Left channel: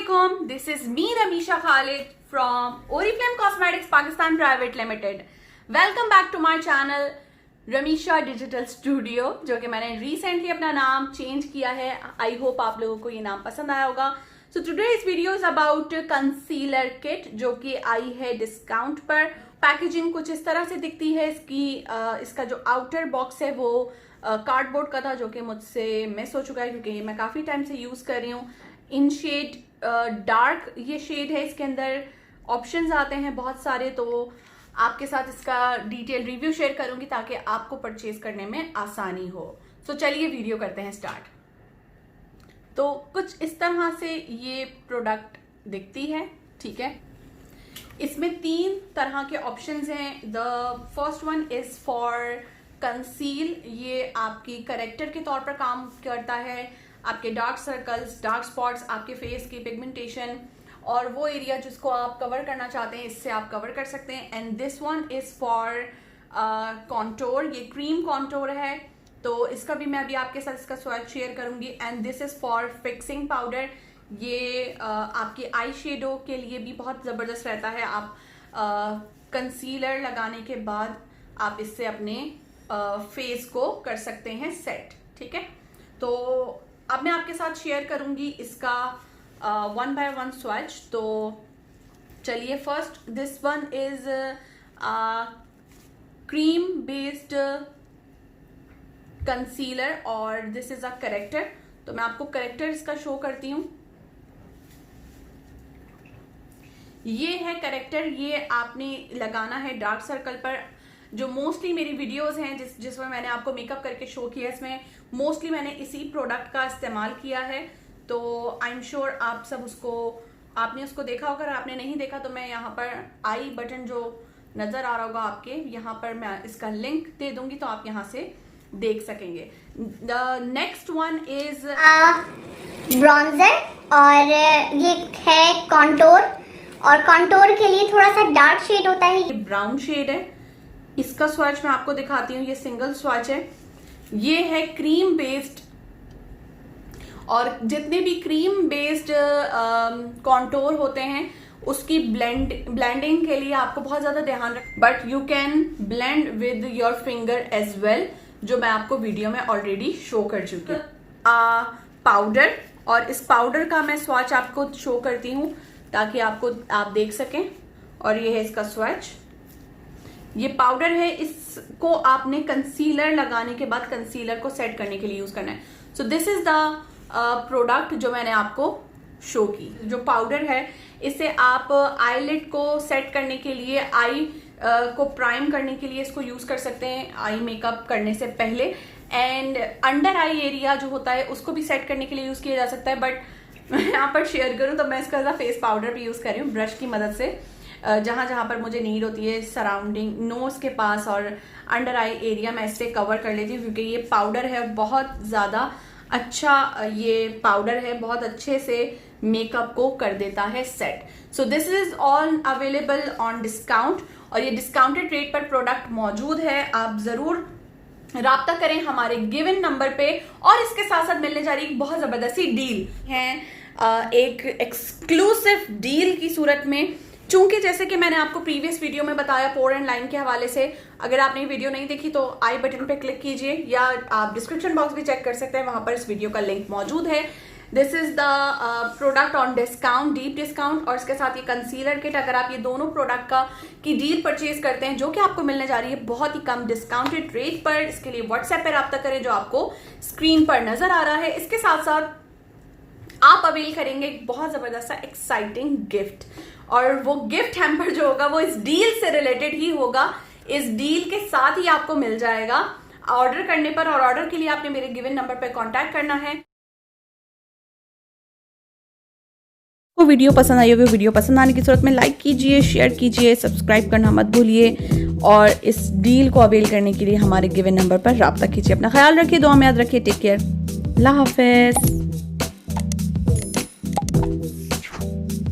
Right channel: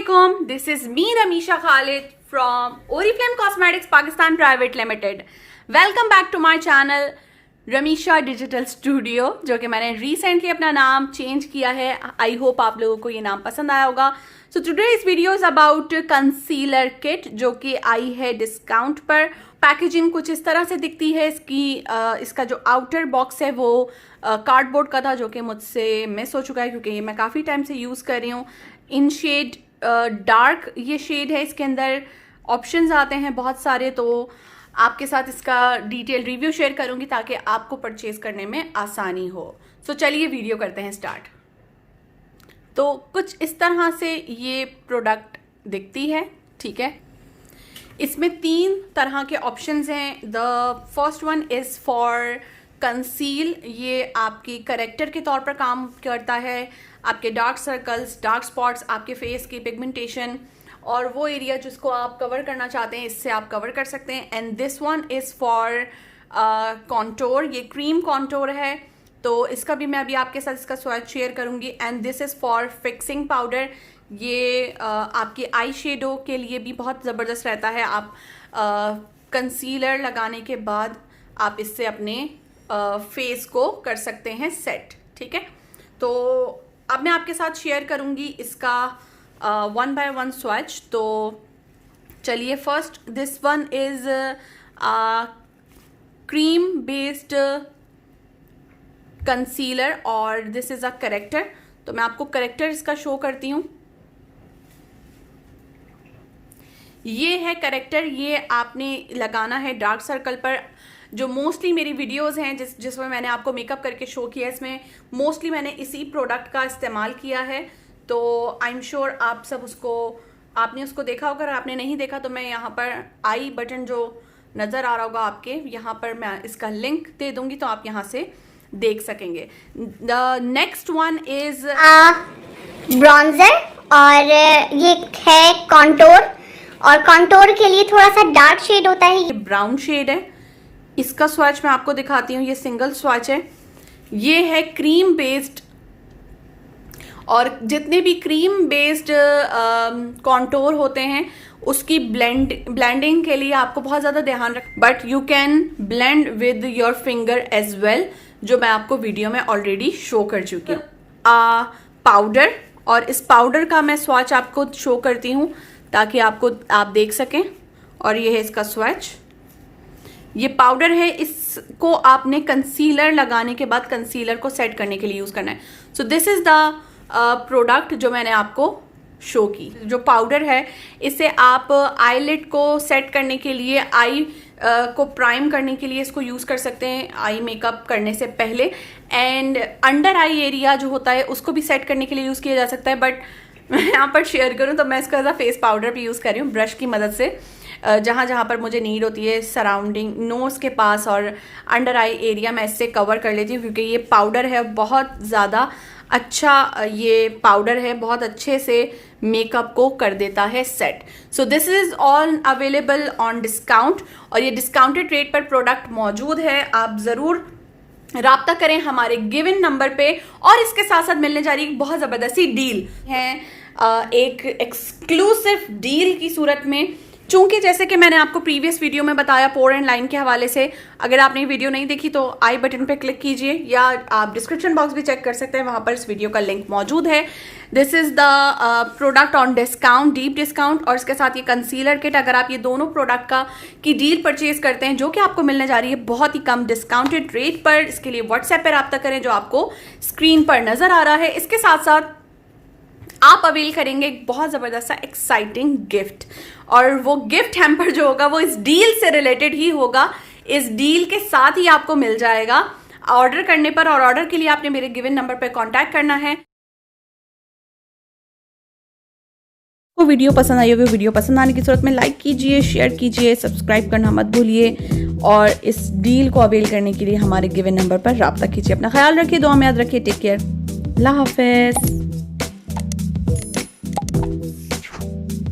Assalamualaikum. This is me Ramisha Khalid from Oriflame Cosmetics Pakistan Private Limited. Welcome back to my channel Ramisha Digital Studio, जो कि मैंने recently अपना नाम change किया है. I hope आप लोगों को ये नाम पसंद आया होगा. So today's video is about concealer kit जो कि आई है डिस्काउंट पर. पैकेजिंग कुछ इस तरह से दिखती है. इसका जो आउटर बॉक्स है वो कार्डबोर्ड का था, जो कि मुझसे मिस हो चुका है क्योंकि ये मैं काफ़ी टाइम से यूज़ कर रही हूँ. इन शेड डार्क ये शेड है. इसके अंदर ऑप्शंस आते हैं बहुत सारे, तो आपके साथ इसका डिटेल रिव्यू शेयर करूंगी ताकि आपको परचेज करने में आसानी हो. सो चलिए वीडियो करते हैं स्टार्ट. तो कुछ इस तरह से ये प्रोडक्ट दिखती है. ठीक है, इसमें 3 तरह के ऑप्शंस हैं. The first one is for conceal. ये आपकी करेक्टर के तौर पर काम करता है. आपके डार्क सर्कल्स, डार्क स्पॉट्स, आपके फेस की पिगमेंटेशन और वो एरिया जिसको आप कवर करना चाहते हैं, इससे आप कवर कर सकते हैं. And this one is for contour. ये क्रीम कॉन्टोर है, तो इसका भी मैं अभी आपके साथ इसका स्वैच शेयर करूंगी. And this is for fixing powder. ये आपकी आई शेडो के लिए भी बहुत ज़बरदस्त रहता है. आप कंसीलर लगाने के बाद आप इससे अपने फेस को कर सकते हैं सेट. ठीक है, तो अब मैं आपके साथ शेयर करूंगी इसका 1 by 1 स्वैच. तो चलिए, first this one is cream based concealer और दिस इज अ करेक्टर. तो मैं आपको करेक्टर इसका शो करती हूँ. ये है करेक्टर. ये आपने लगाना है डार्क सर्कल पर. जो मोस्टली मेरी वीडियोस हैं जिसमें मैंने आपको मेकअप करके शो किया, इसमें मोस्टली मैंने इसी प्रोडक्ट का इस्तेमाल किया है. तो आई एम श्योर आप सब आपने उसको देखा होगा. अगर आपने नहीं देखा तो मैं यहाँ पर आई बटन जो नज़र आ रहा होगा आपके, यहाँ पर मैं इसका लिंक दे दूंगी, तो आप यहाँ से देख सकेंगे. The next one is bronzer और ये है कॉन्टोर. और कॉन्टोर के लिए थोड़ा सा डार्क शेड होता है. ये ब्राउन शेड है. इसका स्वैच मैं आपको दिखाती हूँ. ये सिंगल स्वैच है. ये है क्रीम बेस्ड. और जितने भी क्रीम बेस्ड कॉन्टोर होते हैं उसकी ब्लेंडिंग के लिए आपको बहुत ज़्यादा ध्यान रख. But you can blend with your finger as well, जो मैं आपको वीडियो में ऑलरेडी शो कर चुकी हूँ. पाउडर, और इस पाउडर का मैं स्वैच आपको शो करती हूँ ताकि आप देख सकें. और ये है इसका स्वैच. ये पाउडर है. इसको आपने कंसीलर लगाने के बाद कंसीलर को सेट करने के लिए यूज करना है. So this is the product जो मैंने आपको शो की. जो पाउडर है इसे आप आईलिड को सेट करने के लिए, आई को प्राइम करने के लिए इसको यूज कर सकते हैं आई मेकअप करने से पहले. एंड अंडर आई एरिया जो होता है उसको भी सेट करने के लिए यूज किया जा सकता है. बट मैं यहाँ पर शेयर करूँ तो मैं इसका एज अ फेस पाउडर भी यूज कर रही हूँ ब्रश की मदद से. जहाँ जहाँ पर मुझे नीड होती है सराउंडिंग नोज के पास और अंडर आई एरिया, मैं इससे कवर कर लेती हूँ क्योंकि ये पाउडर है बहुत ज़्यादा अच्छा. ये पाउडर है, बहुत अच्छे से मेकअप को कर देता है set. So this is all available on discount और ये डिस्काउंटेड रेट पर प्रोडक्ट मौजूद है. आप ज़रूर राब्ता करें हमारे गिवन नंबर पे. और इसके साथ साथ मिलने जा रही एक बहुत ज़बरदस्ती डील है, एक एक्सक्लूसिव डील की सूरत में. चूंकि जैसे कि मैंने आपको प्रीवियस वीडियो में बताया पोर एंड लाइन के हवाले से, अगर आपने वीडियो नहीं देखी तो आई बटन पे क्लिक कीजिए या आप डिस्क्रिप्शन बॉक्स भी चेक कर सकते हैं, वहां पर इस वीडियो का लिंक मौजूद है. This is the product on discount, deep discount. और इसके साथ ये कंसीलर किट, अगर आप ये दोनों प्रोडक्ट की डील परचेज करते हैं जो कि आपको मिलने जा रही है बहुत ही कम डिस्काउंटेड रेट पर, इसके लिए व्हाट्सएप पर रब्ता करें जो आपको स्क्रीन पर नजर आ रहा है. इसके साथ साथ आप अवेल करेंगे एक बहुत ज़बरदस्त सा एक्साइटिंग गिफ्ट. और वो गिफ्ट हैम्पर जो होगा वो इस डील से रिलेटेड ही होगा. इस डील के साथ ही आपको मिल जाएगा ऑर्डर करने पर. और ऑर्डर के लिए आपने मेरे गिवन नंबर पर कांटेक्ट करना है. वो वीडियो पसंद आई होगी, वीडियो पसंद आने की सूरत में लाइक कीजिए, शेयर कीजिए, सब्सक्राइब करना मत भूलिए. और इस डील को अवेल करने के लिए हमारे गिवन नंबर पर रब्ता कीजिए. अपना ख्याल रखिए, दुआ में याद रखिए. Take care. अल्लाह हाफिज़.